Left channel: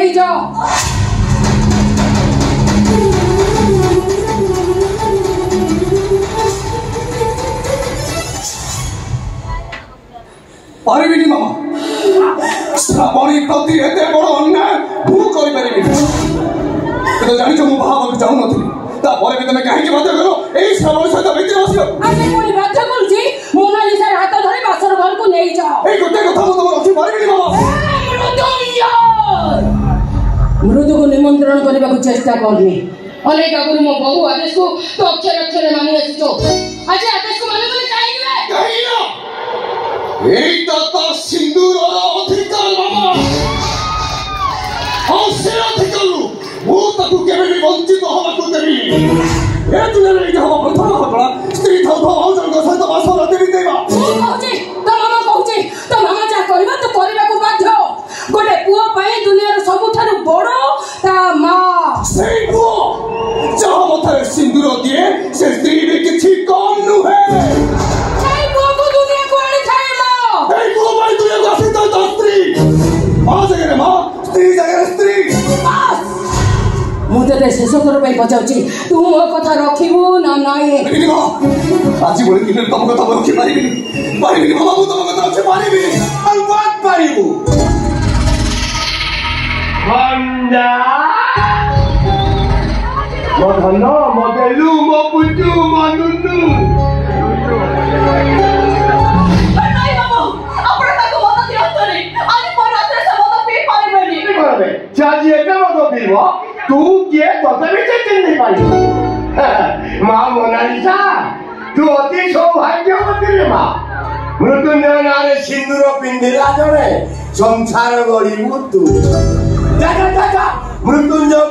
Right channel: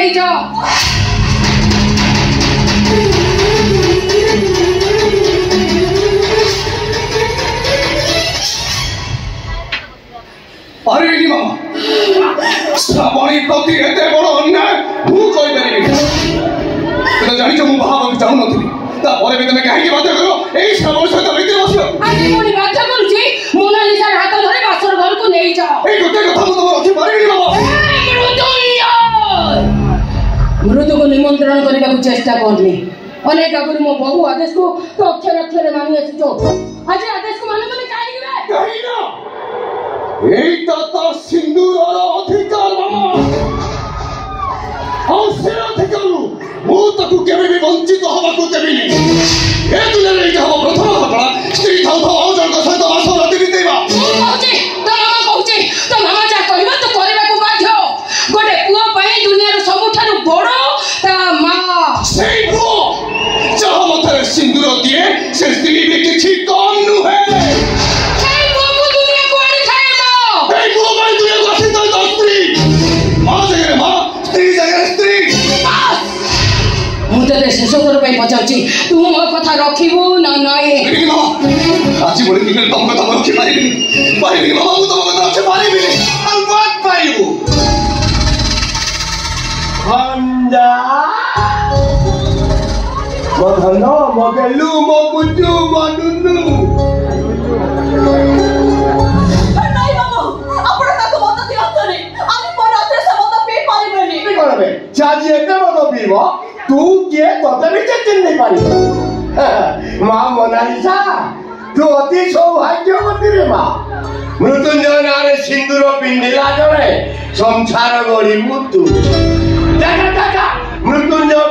नहीं जाओ। पारिबिनी मामा श्रावणी प्रति एते बड़ अन्याय भू करि परिबिनी तो जानि छ मु बाहाबा चाहू नथि ता परे भी तमे काहे के बाध्य करो एई श्रावण सहित भितर बसियो आज कोनी बाध्य करूची मोनालिसा हाथ धरि बासर घर को नहीं जाओ। एई गोटे कथा मु तमे रखि पारिबिनी मामा मृदु को निमंत्रण करने को चेष्टा करनी अनेक आगुरी मो बहु आदेश को तो अक्षर अक्षर मानि आछो आज आदेश को माने कोनी काहे ना एई तार सिंदूर अधिकार मामा से अधिकार मु ताकू केबे भी वंचित हवा को देबिनी ए दुनिया रे हवा प्रथम घटना स्त्री थाउ थाउ औ जन सहित बास राति बितेबा कहूची तो मामा जा कहबा तो करबा को बाध्य गोटे पुआ पाए दुनिया रो सबुठारु बड़ ता मां सेई पुआ जहा मथरे सिंदूर दिए से स्त्री भी किछि कम नुहे शेष कर पचार तू मो कथा रखिबू ना नाई आज बोले दिन तुम कथा रखि पारिबिनी पारिबिनी मामा मु तुम कथा रखि पारिबिनी और बात पारिबू हंडा मो धनो मो गेलू मो बुजू मो नुनु नाही मामा आपण ताको मत दियतो रे आनी पर रात्रे समत पे पारिबनी की करबे चाजी एके मत पीबो तू के तोते भी चिन नहीं पारी मां मोनालिसा तू अति सौभाग्यवती रे मां मृत्युंजय नारे सिंदूर पिंडिला जणे संसार गड़ी मुतु दादा दादा मृत्युंजय